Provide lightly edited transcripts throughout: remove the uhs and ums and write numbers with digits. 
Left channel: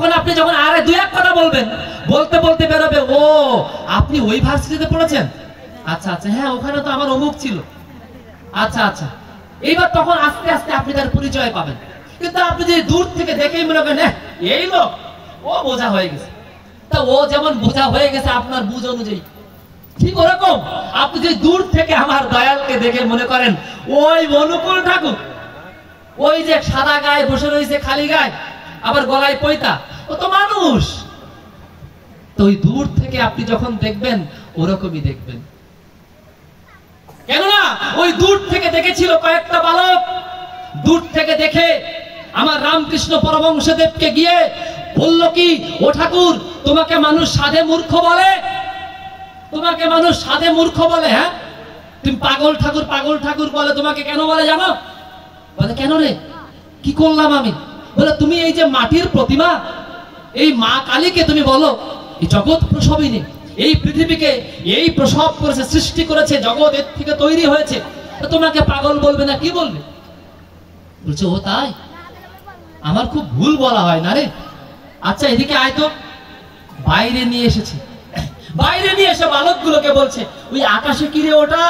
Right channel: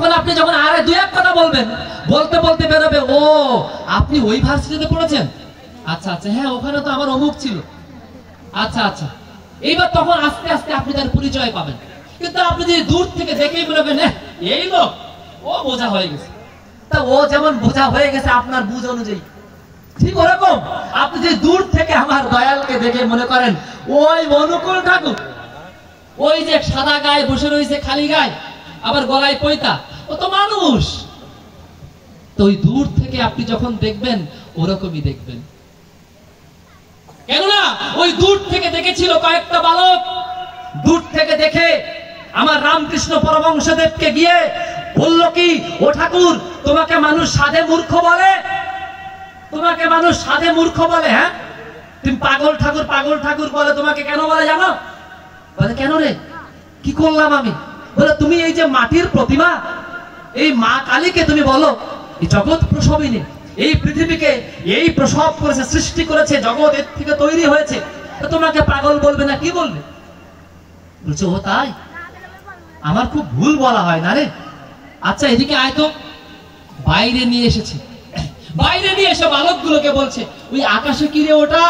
তখন আপনি যখন আরে দুই এক কথা বলবেন, বলতে বলতে বেরোবে, ও আপনি ওই ভার্সিটিতে পড়েছেন, আচ্ছা আচ্ছা, হ্যাঁ ওখানে তো আমার অমুক ছিল, আচ্ছা আচ্ছা। এইবার তখন আস্তে আস্তে আপনি তার পরিচয় পাবেন। কিন্তু আপনি যদি দূর থেকে দেখেই মনে করেন এই লোক, ও বোঝা হয়ে গেছে, তা ও যেমন বোঝা হয়ে গেছে আপনার বুঝ অনুযায়ী, ঠিক ওরকম আপনি যদি দূর থেকে আমার দয়ালকে দেখে মনে করেন ওই অনুকূল ঠাকুর, ওই যে সাদা গায়ে বসে রয়েছে খালি গায়ে, আবার গলায় পয়তা, ও তো মানুষ। তো ওই দূর থেকে আপনি যখন দেখবেন ওরকমই দেখবেন। কেননা ওই দূর থেকে দেখেছিল কয়েকটা বালক, দূর থেকে দেখে আমার রামকৃষ্ণ পরমহংসদেবকে গিয়ে বলল কি, ও ঠাকুর তোমাকে মানুষ সাধে মূর্খ বলে, তোমাকে মানুষ সাধে মূর্খ বলে, হ্যাঁ তুমি পাগল ঠাকুর পাগল ঠাকুর বলে, তোমাকে কেন বলে জানো? বলে কেন রে, কি করলাম আমি? বলে তুমি এই যে মাটির প্রতিমা, এই মা কালীকে তুমি বলো এই জগৎ প্রসবিনী, এই পৃথিবীকে এই প্রসব করেছে, সৃষ্টি করেছে, জগৎ এর থেকে তৈরি হয়েছে, তোমাকে পাগল বলবে না কি বলবে? বলছে ও তাই, আমার খুব ভুল বলা হয় না রে। আচ্ছা এদিকে আয় তো। বাইরে নিয়ে এসেছে, বাইরে নিয়ে এসে বালকগুলোকে বলছে ওই আকাশে কি রে ওটা?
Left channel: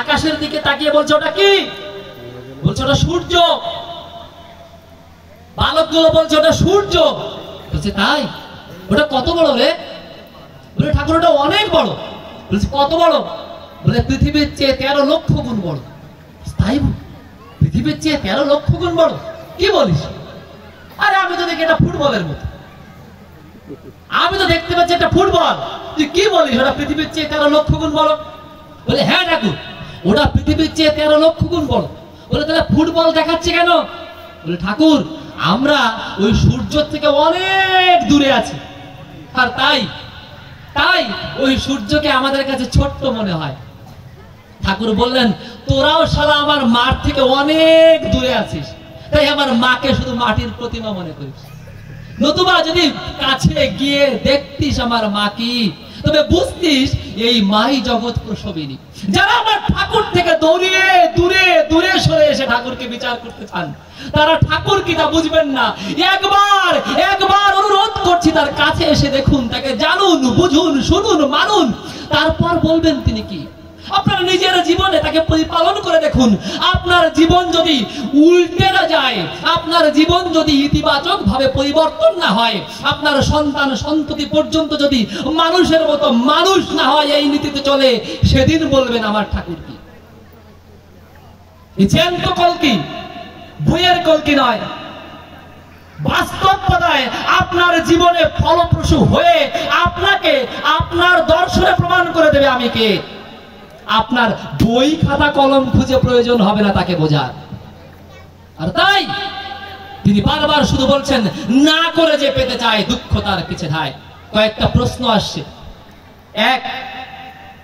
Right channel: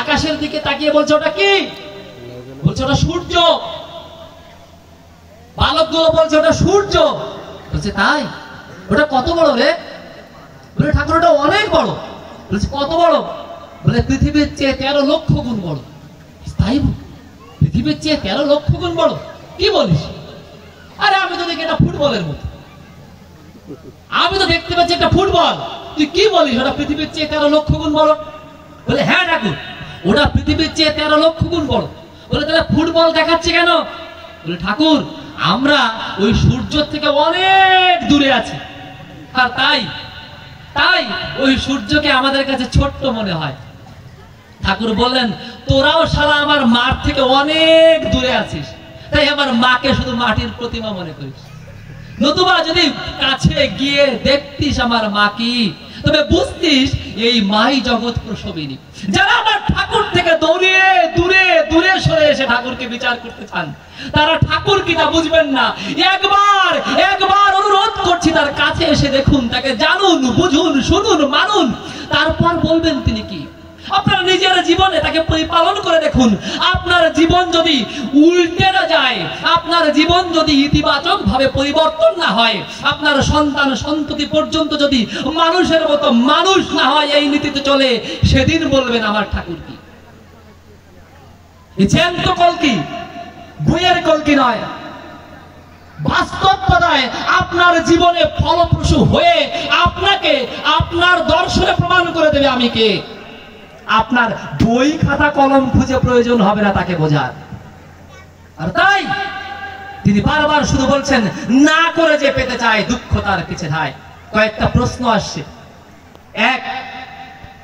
আকাশের দিকে তাকিয়ে বলছে ওটা কি? বলছে ওটা সূর্য। বালকগুলো বলছে ওটা সূর্য। বলছে তাই, ওটা কত বড় রে? বলে ঠাকুর ওটা অনেক বড়। বলছে কত বড়? বলে পৃথিবীর চেয়ে 13 লক্ষ গুণ বড়। তাই পৃথিবীর চেয়ে 13 লক্ষ গুণ বড়? কি বলিস? আরে আমি তো দেখি এটা ফুটবলের মতো, আমি তো দেখতে পাচ্ছি এটা ফুটবল, তুই কি বলিস ওটা পৃথিবীর চেয়ে 13 লক্ষ গুণ বড়? বলে হ্যাঁ ঠাকুর ওটা পৃথিবীর চেয়ে 13 লক্ষ গুণ বড়। বলে তাহলে ফুটবল দেখাচ্ছে কেন? বলে ঠাকুর আমরা ওই সূর্য থেকে অনেক দূরে আছি, আর তাই তাই ওই সূর্যকে আমাদের কাছে ছোট্ট মনে হয়। ঠাকুর বললেন তোরাও শালা আমার মার থেকে অনেক দূরে আছিস, তাই আমার মাকে শুধু মাটির প্রতিমা মনে করিস। নতুবা যদি কাছে গিয়ে দেখতিস আমার মা কি, তবে বুঝতিস এই মাই জগৎ প্রসবিনী। যারা আমার ঠাকুর থেকে দৌড়িয়ে দূরে দূরে সরে এসে ঠাকুরকে বিচার করতে চান, তারা ঠাকুর কিনা বুঝবেন না। একবার একবার অনুরোধ করছি তার কাছে এসে দেখুন, তাকে জানুন, বুঝুন, শুনুন, মানুন, তারপর বলবেন তিনি কি। আপনার নিজের জীবনে তাকে পরিপালন করে দেখুন। আপনার জীবন যদি উল্টে না যায়, আপনার জীবন যদি ইতিবাচক ভাবে পরিবর্তন না হয়, আপনার সন্তান সন্ততি পর্যন্ত যদি মানুষের মতো মানুষ না হয়, এই নীতিতে চলে, সেদিন বলবেন আমার ঠাকুর কি। জ্যান্ত কলকি, বইয়ের কলকি নয়, বাস্তবতায় আপনার জীবনে ফলপ্রসূ হয়ে আপনাকে আপনার দর্শনে প্রমাণ করে দেবে আমি কে। আপনার বই খাতা কলম খুঁজে প্রয়োজন হবে না তাকে বোঝার। আর তাই তিনি বারবার শুধু বলছেন না করে যে পেতে চায় দুঃখ তার কিছু নাই। কয়েকটা প্রশ্ন আসছে। এক,